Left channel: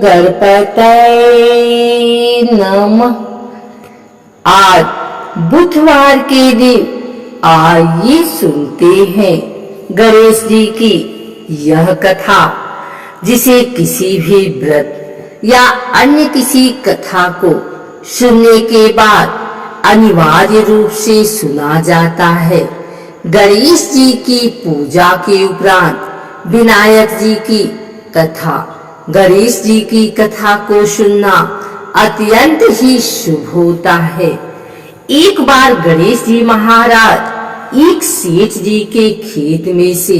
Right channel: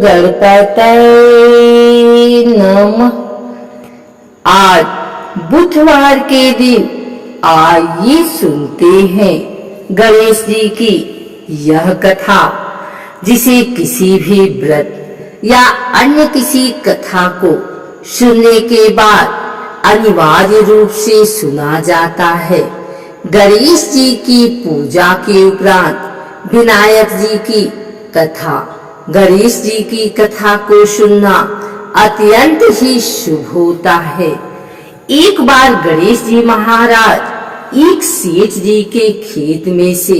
गणपतये नमः। आज बुधवार के दिन आइए सुनते हैं गणेश जी की यह कथा, जिसे किसी भी व्रत या अन्य किसी कथा को सुनने के बाद अनिवार्य रूप से सुना जाता है। गणेश जी की पूजा के उपरांत विनायक जी की कथा, गणेश जी की कथा को सुनना अत्यंत ही शुभ होता है। एक बार गणेश जी महाराज एक सेठ जी के खेत में से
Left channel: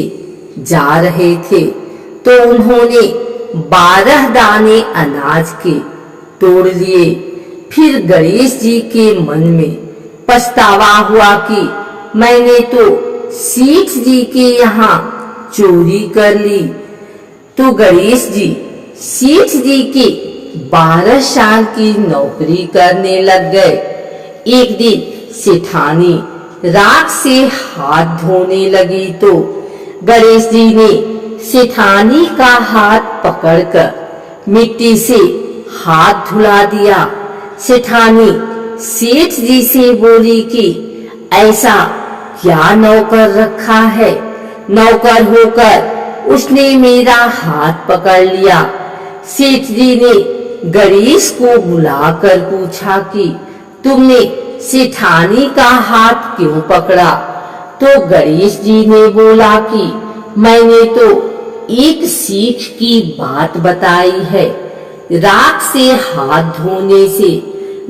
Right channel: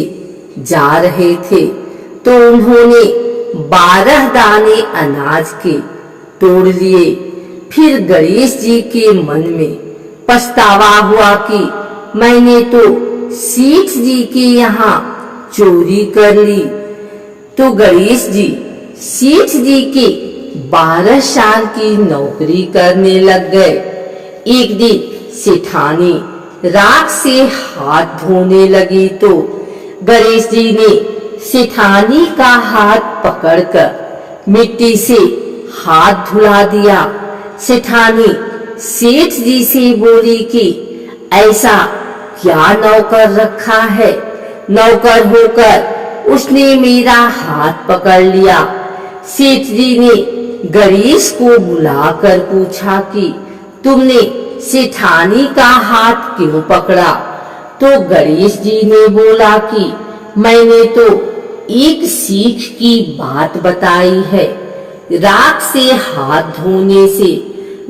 जा रहे थे, तो उन्होंने 12 दाने अनाज के तोड़ लिए। फिर गणेश जी के मन में पछतावा हुआ कि मैंने तो सेठ जी के यहाँ चोरी कर ली। तो गणेश जी सेठ जी के 12 साल की नौकरी करने लग गए। एक दिन सेठानी राख से हाथ धोने लगी, तो गणेश जी ने सेठानी का हाथ पकड़कर मिट्टी से हाथ धुला दिया। सेठानी सेठ जी से बोली कि ऐसा क्या नौकर रखा है, नौकर होकर उसने मेरा हाथ पकड़ लिया। सेठ जी ने गणेश को बुलाकर पूछा कि तुमने सेठानी का हाथ क्यों पकड़ा? तो गणेश जी ने बोला कि मैंने तो एक सीख की बात बताई है। राख से हाथ धोने से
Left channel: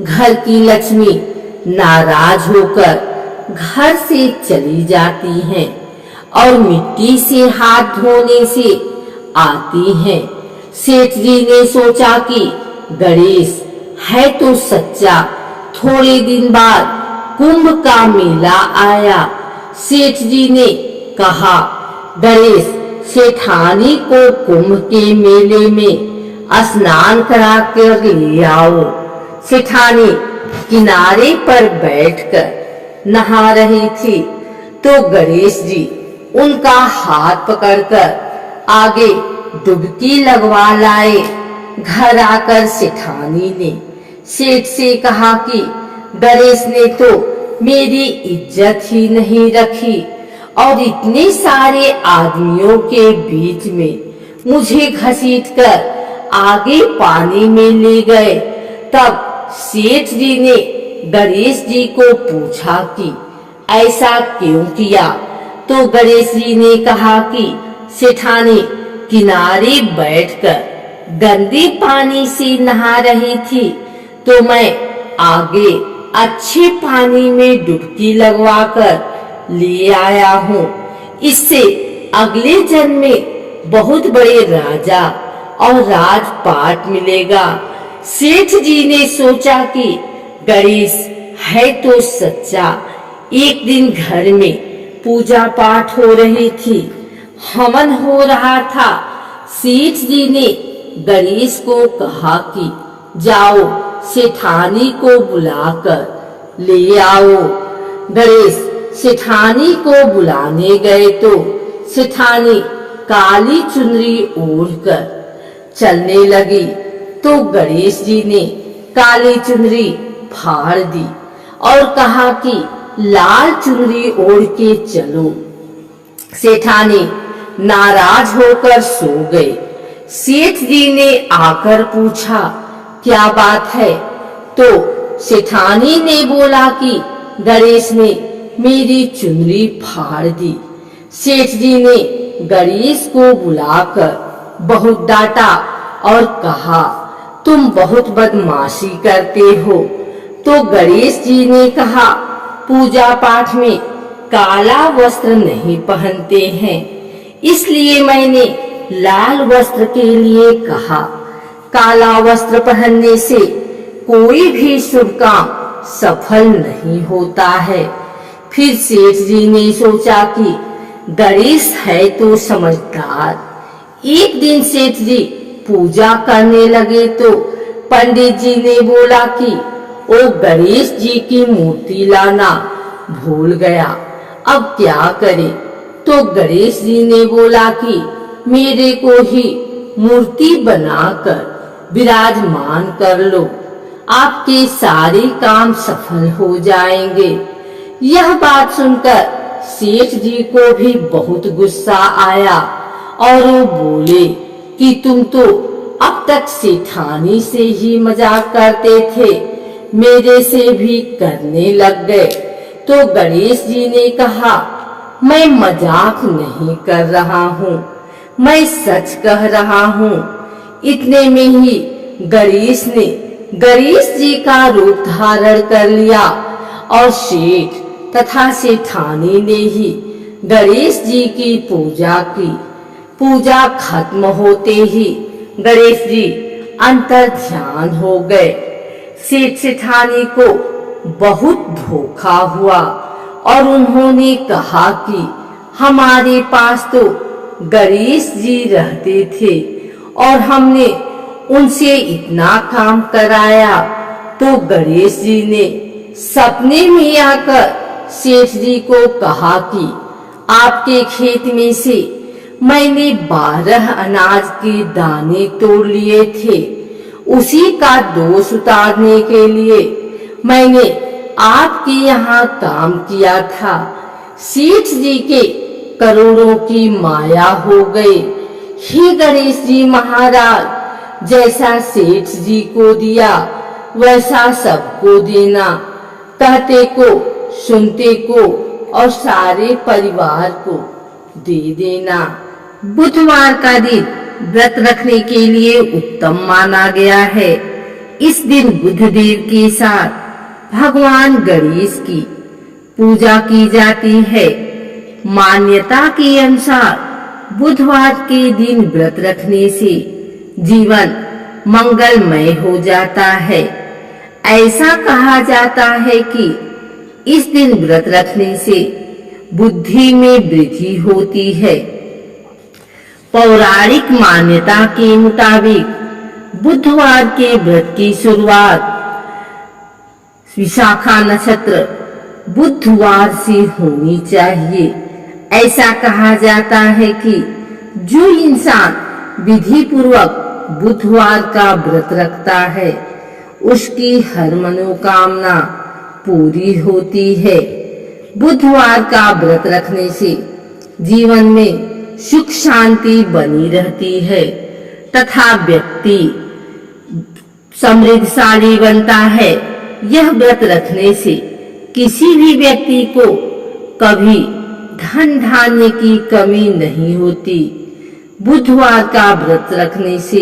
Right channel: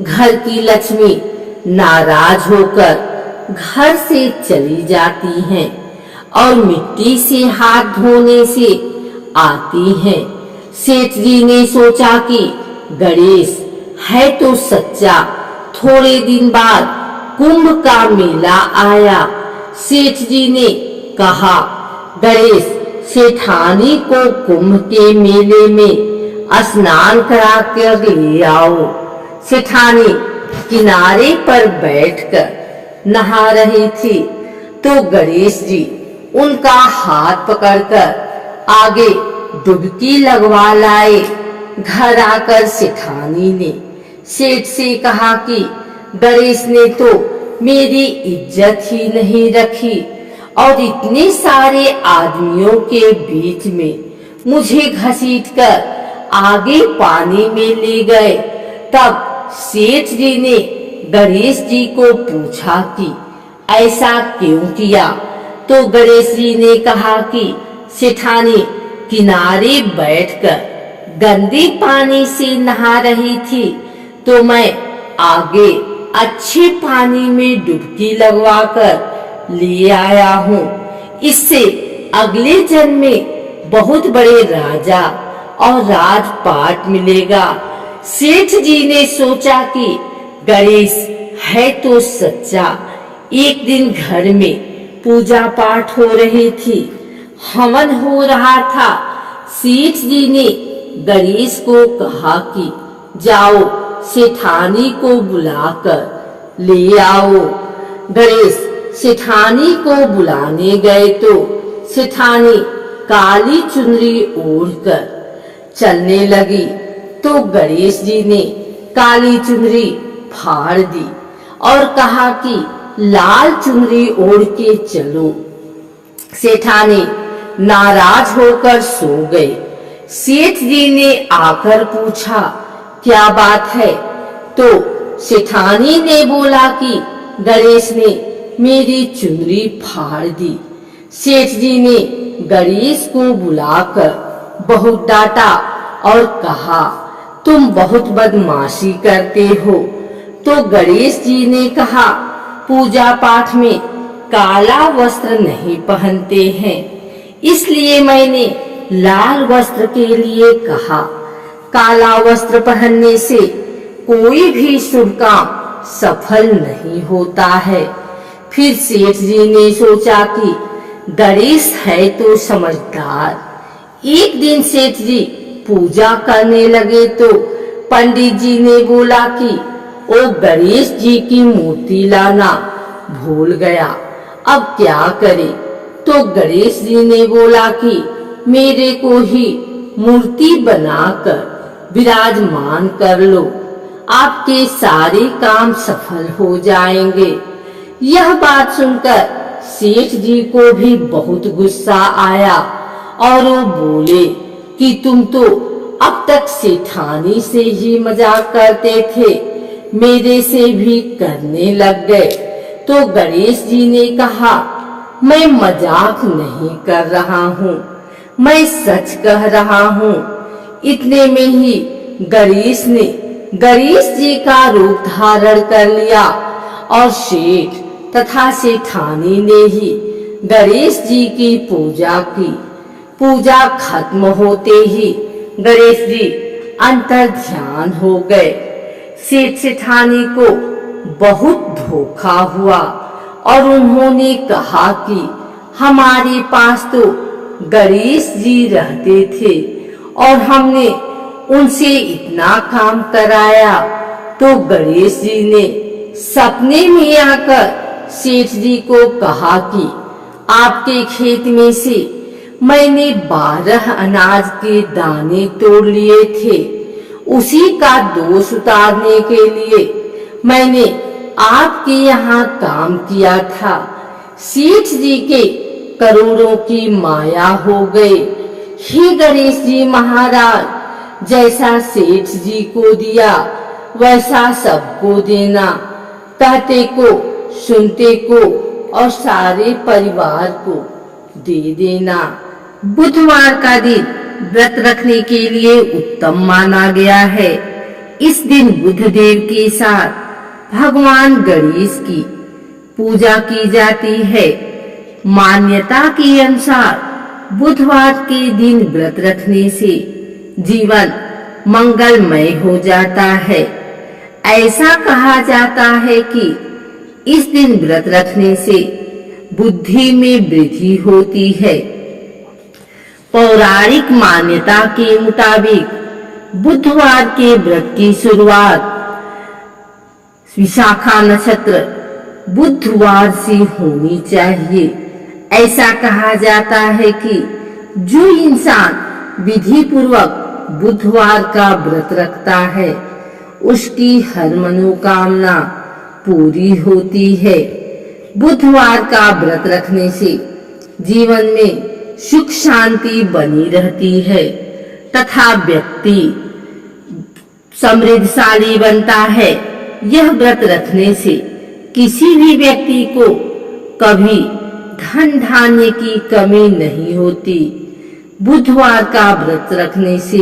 घर की लक्ष्मी नाराज होकर घर से चली जाती हैं और मिट्टी से हाथ धोने से आती हैं। सेठ जी ने सोचा कि गणेश है तो सच्चा। थोड़े दिन बाद कुंभ का मेला आया। सेठ जी ने कहा, गणेश सेठानी को कुंभ के मेले में स्नान करा कर ले आओ। सेठानी किनारे पर बैठकर नहा रही थी, तो गणेश जी उनका हाथ पकड़कर आगे डुबकी लगवा लाए। घर आकर सेठानी ने सेठ से कहा कि गणेश ने तो मेरी इज्जत ही नहीं रखी और इतने सारे आदमियों के बीच में मुझे घसीटकर आगे पानी में ले गए। तब सेठ जी ने गणेश जी को पूछा कि ऐसा क्यों किया? तो गणेश जी ने कहा कि सेठानी किनारे बैठकर गंदे पानी से नहा रही थी, तो मैं आगे अच्छे पानी में डुबकी लगवाकर ले आया हूँ। इससे अगले जन्म में बहुत बड़े राजा और राजपाट मिलेगा। सेठ जी ने सोचा कि गणेश है तो सच्चा। एक दिन घर में पूजा पाठ हो रही थी, हवन हो रहा था। सेठ जी ने गणेश को कहा कि जाओ सेठानी को बुलाकर ले आओ। गणेश सेठानी को बुलाने गए, तो सेठानी काली चुनरी ओढ़कर चलने लगी। तो गणेश जी ने काली चुनरी फाड़ दी और कहा कि लाल चुनरी ओढ़ के चलो। सेठानी नाराज होकर सो गए। सेठ जी ने आकर पूछा, क्या बात है? तो सेठानी ने बोला कि गणेश ने मेरी चुनरी फाड़ दी। सेठ जी ने गणेश को बुलाकर बहुत डांटा और कहा, तुम बहुत बदमाशी करते हो। तो गणेश जी ने कहा, पूजा पाठ में काला वस्त्र नहीं पहनते हैं, इसलिए मैंने लाल वस्त्र के लिए कहा। काला वस्त्र पहनने से कोई भी शुभ काम सफल नहीं होता है। फिर सेठ जी ने सोचा कि गणेश है तो समझदार। एक दिन सेठ जी पूजा करने लगे, तो पंडित जी ने बोला कि ओ गणेश जी की मूर्ति लाना भूल गया, अब क्या करे? तो गणेश जी ने बोला कि मेरे को ही मूर्ति बनाकर विराजमान कर लो, आपके सारे काम सफल हो जाएंगे। यह बात सुनकर सेठ जी को भी बहुत गुस्सा आया और वो बोले कि तुम तो अब तक सेठानी से ही मजाक करते थे, मेरे से भी करने लग गए। तो गणेश जी ने कहा, मैं मजाक नहीं कर रहा हूँ, मैं सच कह रहा हूँ। इतने में ही गणेश जी का रूप धारण कर लिया और सेठ तथा सेठानी ने ही गणेश जी की पूजा की। पूजा खत्म होते ही गणेश जी अंतर ध्यान हो गए। सेठ सेठानी को बहुत धोखा हुआ और उन्होंने कहा कि हमारे पास तो गणेश जी रहते थे और हमने उनसे इतना काम कराया। तो गणेश जी ने सपने में आकर सेठ जी को कहा कि आपके खेत में से मैंने 12 अनाज के दाने तोड़ लिए थे, उसी का दोष उतारने के लिए मैंने आपके यहाँ काम किया था। सेठ जी के करोड़ों की माया हो गई। हे गणेश जी महाराज, जैसा सेठ जी को दिया वैसा सबको देना, कहते को सुनते को और सारे परिवार को दे देना। बुधवार का दिन व्रत रखने के लिए उत्तम माना गया है। इस दिन बुधदेव के साथ भगवान गणेश की पूजा की जाती है। मान्यता के अनुसार बुधवार के दिन व्रत रखने से जीवन मंगलमय हो जाता है। ऐसा कहा जाता है कि इस दिन व्रत रखने से बुद्धि में वृद्धि होती है। पौराणिक मान्यता के मुताबिक बुधवार के व्रत की शुरुआत विशाखा नक्षत्र बुधवार से होनी चाहिए। ऐसा कहा जाता है कि जो इंसान विधि पूर्वक बुधवार का व्रत रखता है उसकी हर मनोकामना पूरी होती है। बुधवार का व्रत रखने से जीवन में सुख शांति बनी रहती है तथा व्यक्ति समृद्धशाली बनता है। यह व्रत रखने से किसी भी व्यक्ति को कभी धन धान्य की कमी नहीं होती। बुधवार का व्रत रखने से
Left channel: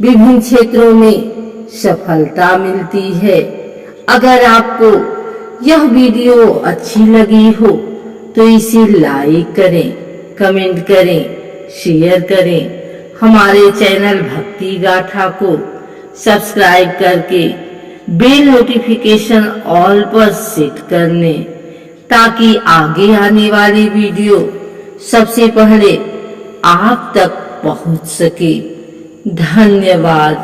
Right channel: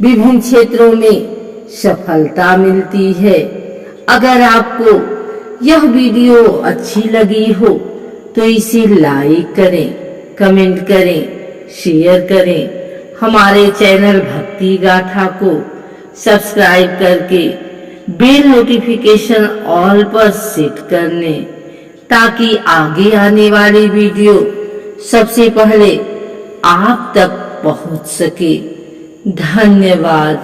विभिन्न क्षेत्रों में सफलता मिलती है। अगर आपको यह वीडियो अच्छी लगी हो तो इसे लाइक करें, कमेंट करें, शेयर करें। हमारे चैनल भक्ति गाथा को सब्सक्राइब करके बेल नोटिफिकेशन ऑल पर सेट कर लें ताकि आगे आने वाली वीडियो सबसे पहले आप तक पहुंच सके। धन्यवाद।